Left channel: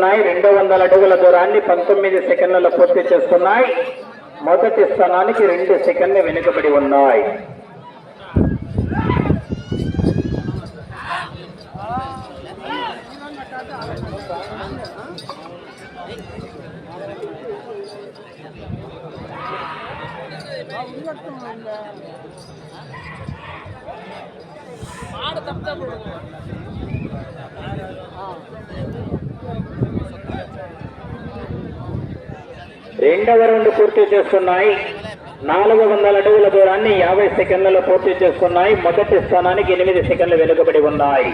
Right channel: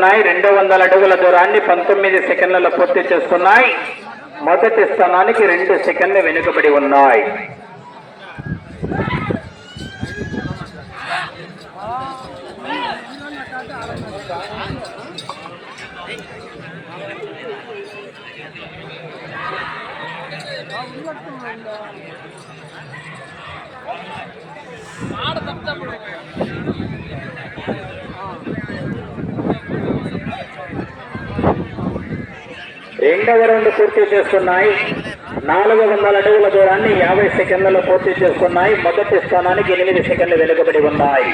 చేసుకున్నాయి. 200 అడుగుల దూరాన్ని 19 సెకండ్లలో పూర్తి చేసుకున్నాయి. మొదటి స్థానానికి 2 సెకండ్లు వెనుకబడి ఉన్నాయి. రెండవ రౌండ్ పూర్తి చేస్తున్నాయి. 400 అడుగుల దూరాన్ని 50 సెకండ్లలో పూర్తి చేసుకున్నాయి. మొదటి స్థానానికి 8 సెకండ్లు వెనుకబడి ఉన్నాయి.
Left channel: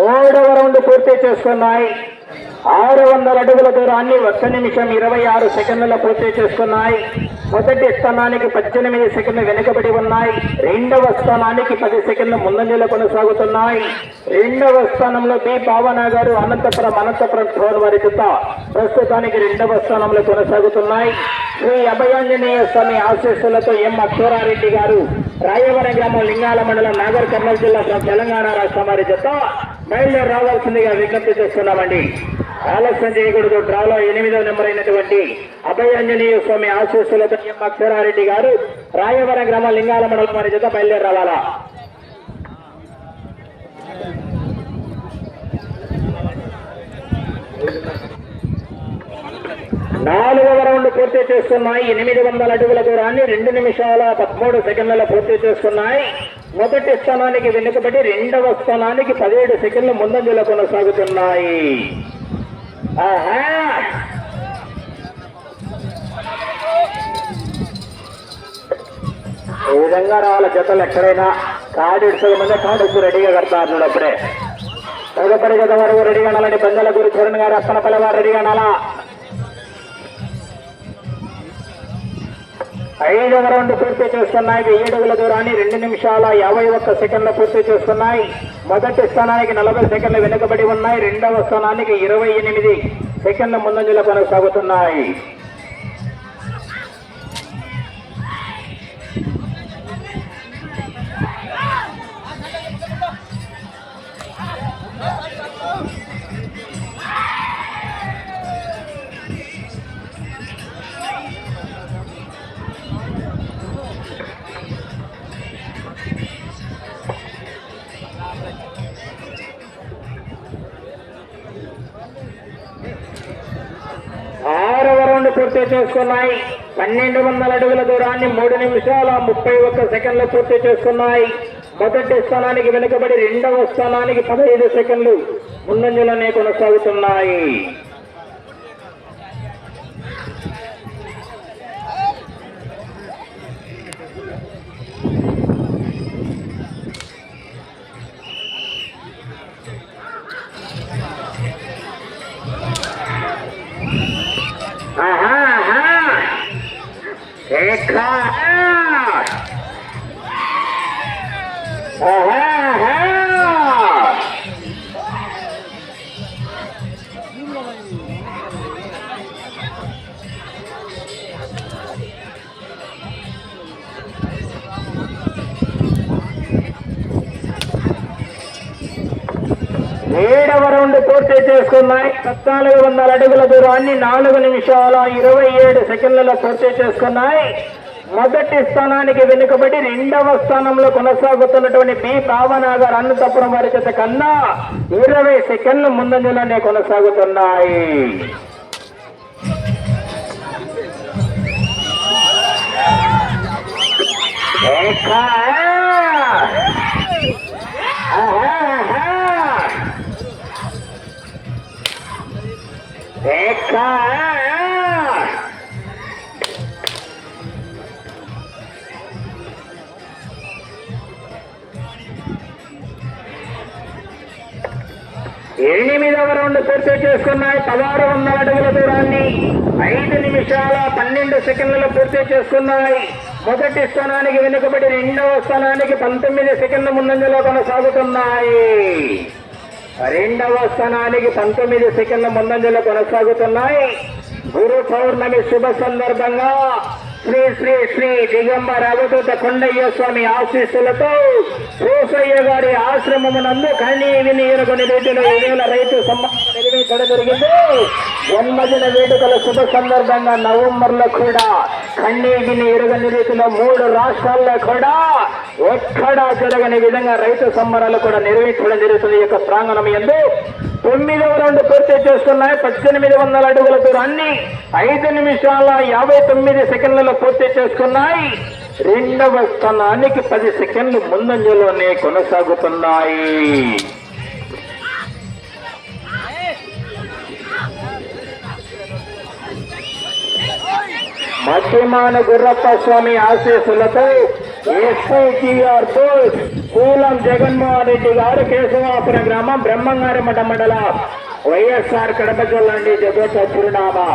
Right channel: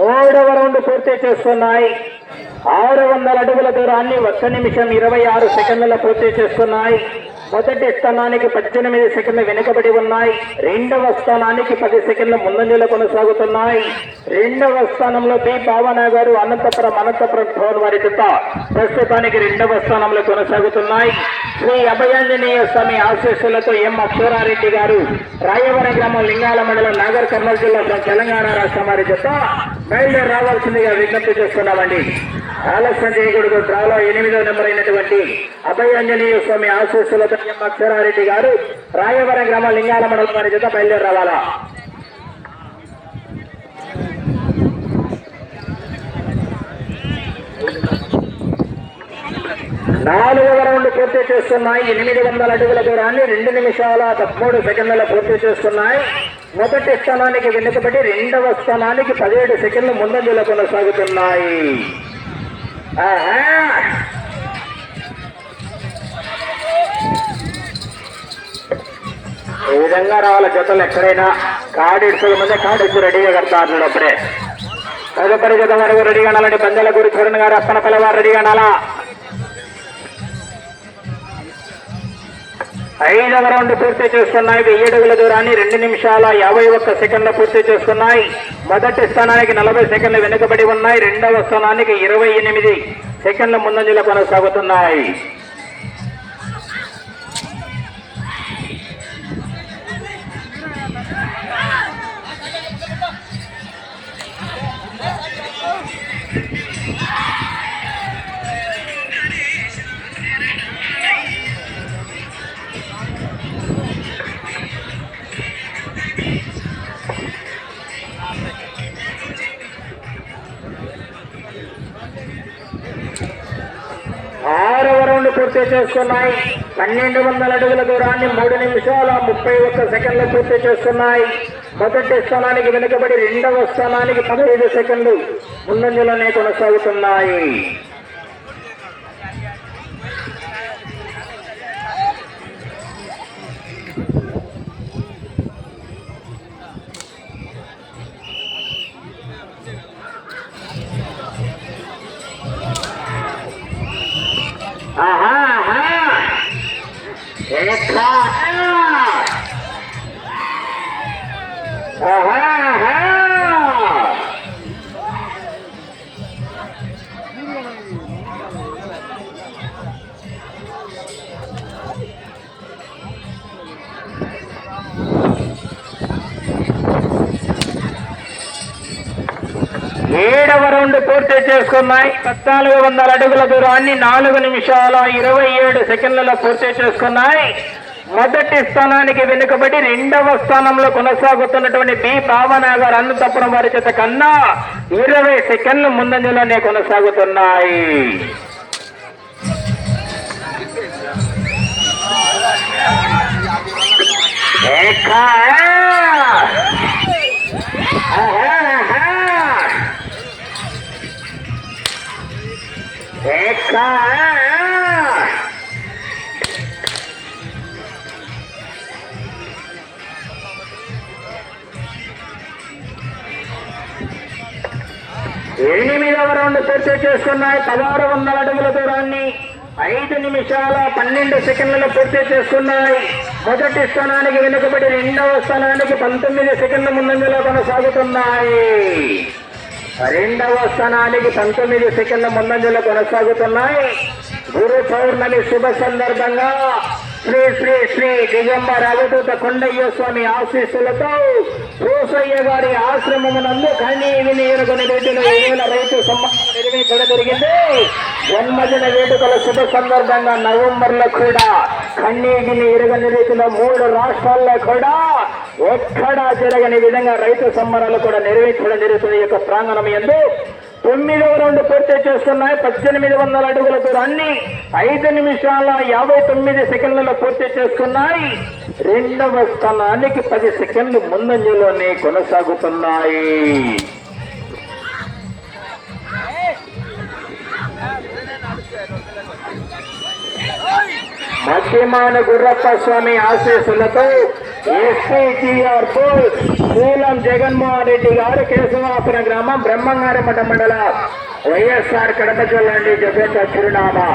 మూడవ రౌండ్ పూర్తి చేస్తున్నాయి. 600 అడుగుల దూరాన్ని 1 నిమిషం 26 సెకండ్లలో పూర్తి చేస్తున్నాయి. మొదటి స్థానానికి 18 సెకండ్లు వెనుకబడి ఉన్నాయి. రెండవ స్థానానికి 10 సెకండ్ల ముందంజలో కొనసాగుతున్నాయి. రెండవ స్థానంలో బి భావన గారు అనంతపురం ఫోన్ వారి జత ప్రస్తుతానికి రెండవ స్థానంలో కొనసాగుతున్నాయి. శ్రీ అభయాంజనేయ స్వామి ఆశీస్సులతో ఎం అక్షరారెడ్డి గారు రాయవరం గ్రామం లింగాల మండలం నాగర్ కర్నూలు జిల్లా తెలంగాణ రాష్ట్రం వారి జత బయలుదేరి రావాల్సిందిగా విజ్ఞప్తి చేస్తున్నామండి. ఆలస్యం చేయకూడదు. డ్రాలో 8వ నెంబర్ అయినటువంటి అభయాంజనేయ స్వామి ఆశీస్సులతో ఎం అక్షరారెడ్డి గారు రాయవరం గ్రామం లింగాల మండలం వారి జత బయలుదేరి రావాలా. నాలుగవ రౌండ్ పూర్తి చేస్తున్నాయి. 800 అడుగుల దూరాన్ని 2 నిమిషాల 13 సెకండ్లలో పూర్తి చేస్తున్నాయి. మొదటి స్థానానికి వెనుకబడి రెండవ స్థానానికి 17 సెకండ్లు ముందంజలో కొనసాగుతున్నాయి. ఈ విధంగా రావాల జతలు ఎక్కడైనా కాడిడ్చుల ముందే కాడిడ్చు రెడీగా కడతారు. అప్పుడే తదుపరి జత వరకు రెడీగా ఉండాలండి. పందెల గురి చరణ్ గారు అప్పనపల్లి వారు రెడీగా ఉండాలా. 5వ రౌండ్ పూర్తి చేస్తున్నాయి. 1000 అడుగుల దూరాన్ని 2 నిమిషాల 51 సెకండ్లు పూర్తి చేస్తున్నాయి. మొదటి స్థానానికి 40 సెకండ్లు వెనుకబడి ఉన్నాయి. రెండవ స్థానానికి 28 సెకండ్ల ముందంజలో కొనసాగుతున్నాయి. పూర్తి చేసుకున్నాయి. 1200 అడుగుల దూరాన్ని 3 నిమిషాల 31 సెకండ్లు పూర్తి చేస్తున్నాయి. మొదటి స్థానానికి వెనుకబడి రెండవ స్థానానికి 15 సెకండ్లు ముందంజలోనే కొనసాగుతున్నాయి. ఏడవ రౌండ్ పూర్తి చేసుకున్నాయి. 1400 అడుగుల దూరాన్ని 4 నిమిషాల 27 సెకండ్లలో పూర్తి చేసుకున్నాయి. మొదటి స్థానానికి వెనుకబడి రెండవ స్థానంలో కొనసాగుతున్నటువంటి బి భావన గారు అనంతపురం వారి చేత కన్నా 20 సెకండ్లు ముందంజలోనే కొనసాగుతున్నాయి. ఎనిమిదవ రౌండ్ రౌండ్ పూర్తి చేసుకున్నాయి. 1600 అడుగుల దూరాన్ని 5 నిమిషాల 12 సెకండ్లలో పూర్తి చేసుకున్నాయి. మొదటి స్థానానికి వెనుకబడి రెండవ స్థానానికి 19 సెకండ్ల ముందంజలో కొనసాగుతున్నాయి. రెండవ స్థానానికి 19 సెకండ్ల ముందంజలో కొనసాగుతున్నాయి. గురు పౌర్ణమి శుభ సందర్భంగా శ్రీ శ్రీ శ్రీ దిగంబర అవధూత కొండయ్య స్వామి ఆశీస్సులతో రోసయ్య గారి ఆశ్రమమునందు కన్నీ విని కొన్ని రీతిలో 7,000 రైతు సమ్మానం నిర్వహించడం జరిగింది. జన్మదిన వేడుకల శుభ సందర్భంగా నవంబర్లో కూడా కన్నీ విని ఎరుగని రీతిలో 3 రాష్ట్రాల్లో కూడా ఎక్కడా జరగని విధంగా రైతు సంబరాలు కూడా నిర్వహించడం జరుగుతుంది. ఈ యొక్క ప్రాంగణం యందు 9వ రౌండ్ పూర్తి చేస్తున్నాయి. 1800 అడుగుల దూరాన్ని 5 నిమిషాల 59 సెకండ్లలో పూర్తి చేసుకున్నాయి. రెండవ స్థానానికి 10 సెకండ్లు ముందంజలోనే కొనసాగుతున్నాయి. మధ్యమాన గుర్రప్ప స్వామి ఆశీస్సులతో ఎస్ఐటిఆర్ బోస్ మూలం జగన్మోహన్ రెడ్డి గారు కేశవాపురం గ్రామం బ్రహ్మంగారి మఠ మండలం వైఎస్ఆర్ కడప జిల్లా నుండి జగత చిరునామా.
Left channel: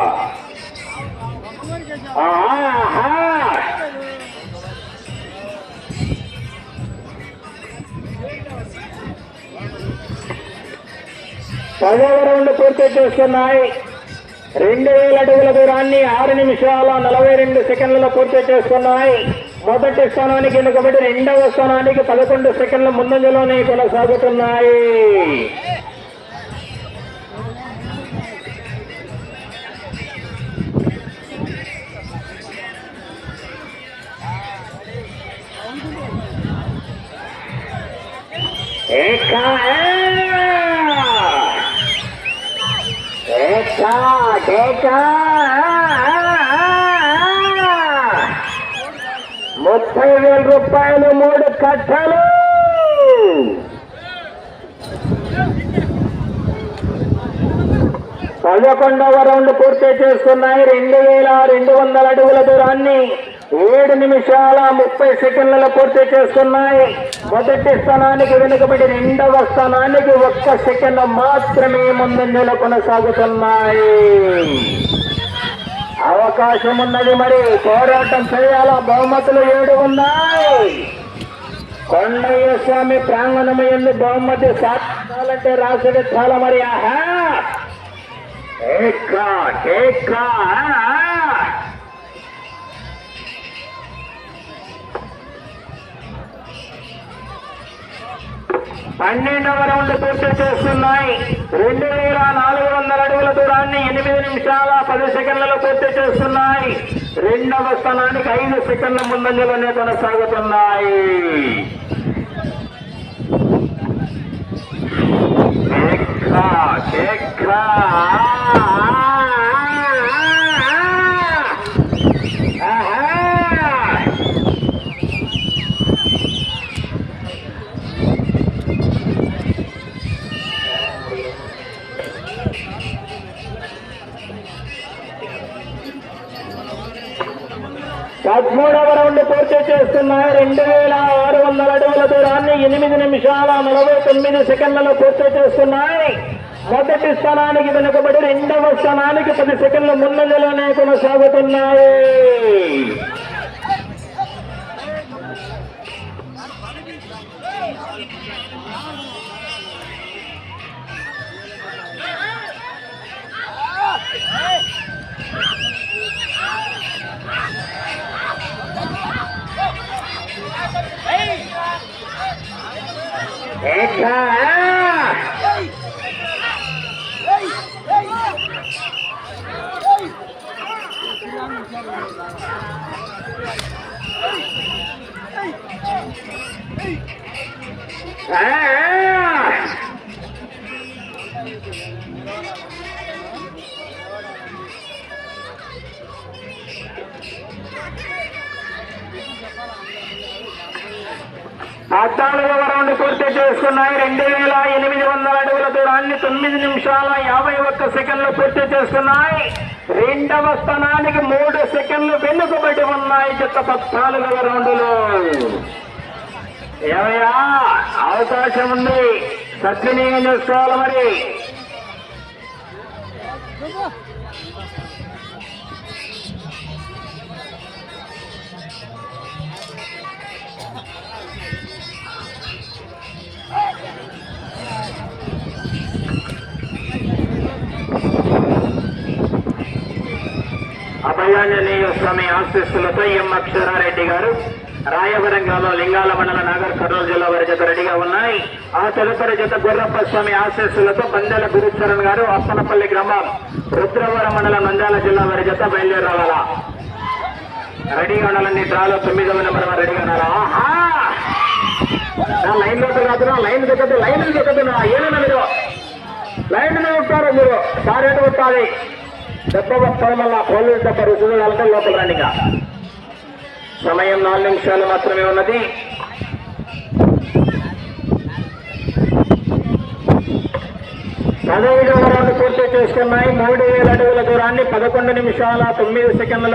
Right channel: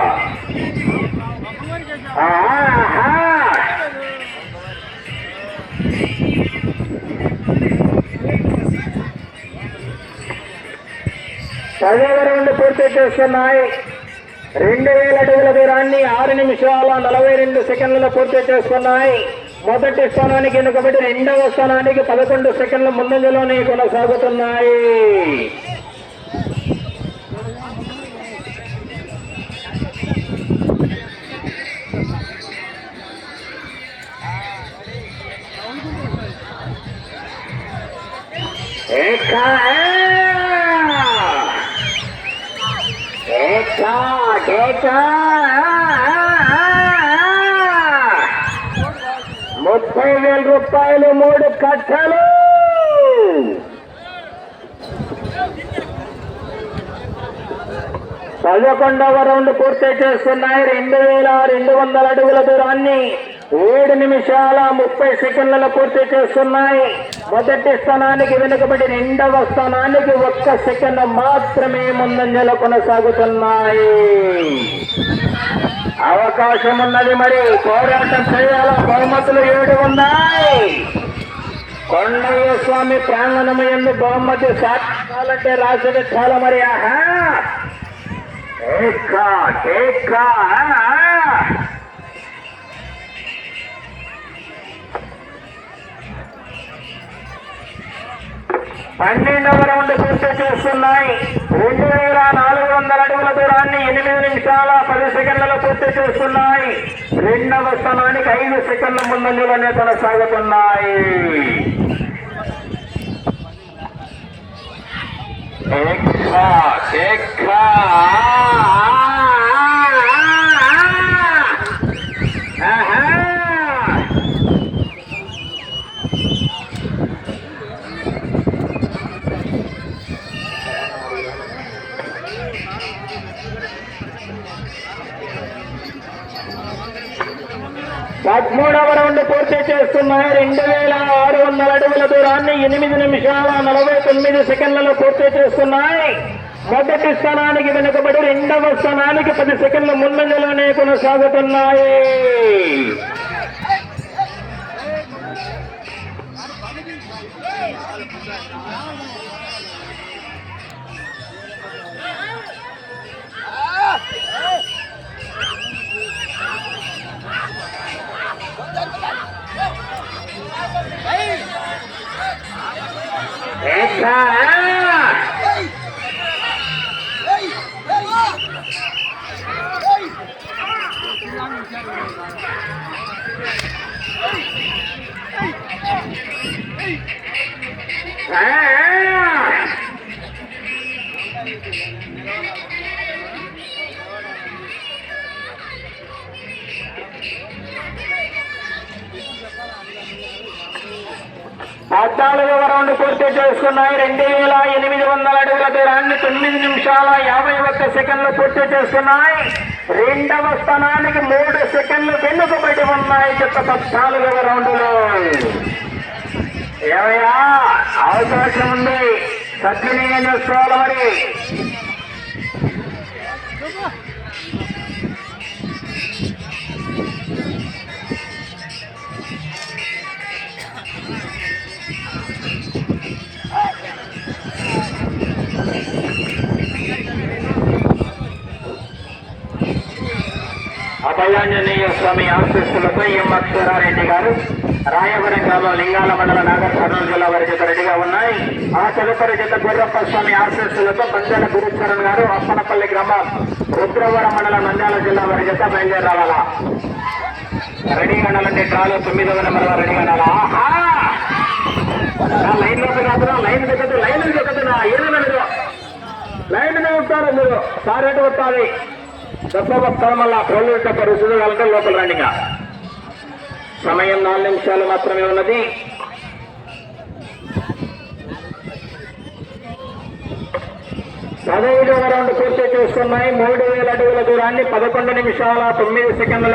పదవ రౌండ్ పూర్తి చేస్తున్నాయి. 2000 అడుగుల దూరాన్ని 6 నిమిషాల 42 సెకండ్లలో పూర్తి చేసుకున్నాయి. మొదటి స్థానానికి వెనుకబడి రెండవ స్థానానికి 11 సెకండ్ల ముందంజలోనే కొనసాగుతున్నాయి. ₹30,000 3 కట్టలు. పదకొండవ రౌండ్ పూర్తి చేస్తున్నాయి. 2200 అడుగుల దూరాన్ని 7 నిమిషాల 30 సెకండ్లలో పూర్తి చేస్తున్నాయి. మొదటి స్థానానికి వెనుకబడి రెండవ స్థానానికి 1 సెకండ్ మాత్రమే ముందంజలో కొనసాగుతున్నాయి. అవకాశం ఉన్నది, మరి పోరాటం చేయాలా. బహుమతులు 7 ఉన్నాయి. కొండయ్య స్వామి ప్రాంగణము ఎందు బహుమతి సాధించాలంటే రాసుడు చాలా. మరి ఆహా ఏకా 12వ రౌండ్ పూర్తి చేస్తున్నాయి. 2400 అడుగుల దూరాన్ని 8 నిమిషాల 10 సెకండ్లలో పూర్తి చేస్తున్నాయి. రెండవ స్థానానికి 5 సెకండ్ల ముందంజలోనే కొనసాగుతున్నాయి. పదమూడవ రౌండ్ పూర్తి చేస్తున్నాయి. 2600 అడుగుల దూరాన్ని 8 నిమిషాల 49 సెకండ్లలో పూర్తి చేస్తున్నాయి. మొదటి స్థానానికి వెనుకబడి రెండవ స్థానానికి 10 సెకండ్ల ముందంజలోనే కొనసాగుతున్నాయి. పద్నాలుగవ రౌండ్ పూర్తి చేసుకున్నాయి. 2800 అడుగుల దూరాన్ని 9 నిమిషాల 51 సెకండ్లు పూర్తి చేసుకున్నాయి. రెండవ స్థానానికి 3 సెకండ్లు వెనుకబడి ఉన్నాయి. జత 14వ రౌండ్లో ఏమయ్యా అవకాశం ఉంది, సద్వినియోగం చేసుకోవాలి. మరి అభయాంజనేయ స్వామి ఆశీస్సులతో ఎం అక్షరారెడ్డి గారు రాయవరం గ్రామం లింగాల మండల నాగర్ కర్నూలు జిల్లా వారి జత రెడీగా ఉన్నాయి. ఆ తదుపరి జత గుర్రప్ప స్వామి ఆశీస్సులతో పందెల గురుచరణ్ గారు అప్పనపల్లి గ్రామం రుద్రవరం మండలం నంద్యాల జిల్లా వారి జత బయలుదేరి రావాలా. రెడీగా ఉండాలండి. డ్రాలో 9వ నెంబర్ వారు రెడీగా ఉండాలా. లైన్ లోకి కాదు, లైన్ దిగదు, లైన్ దిగదు. ఏమైనా మీరు లైన్ మీద ఉంటారు, మీరు సారేట కొట్టాలి. దెబ్బ వస్తారు, మళ్ళా పోలీసు దెబ్బ రుసులు కలక లోపల రండి. సమయం 4 నిమిషాలు మాత్రమే ఉన్నది. పదహైదవ రౌండ్ పూర్తి చేసుకున్నాయి. 3000 అడుగుల దూరాన్ని 11 నిమిషాల 9 సెకండ్ల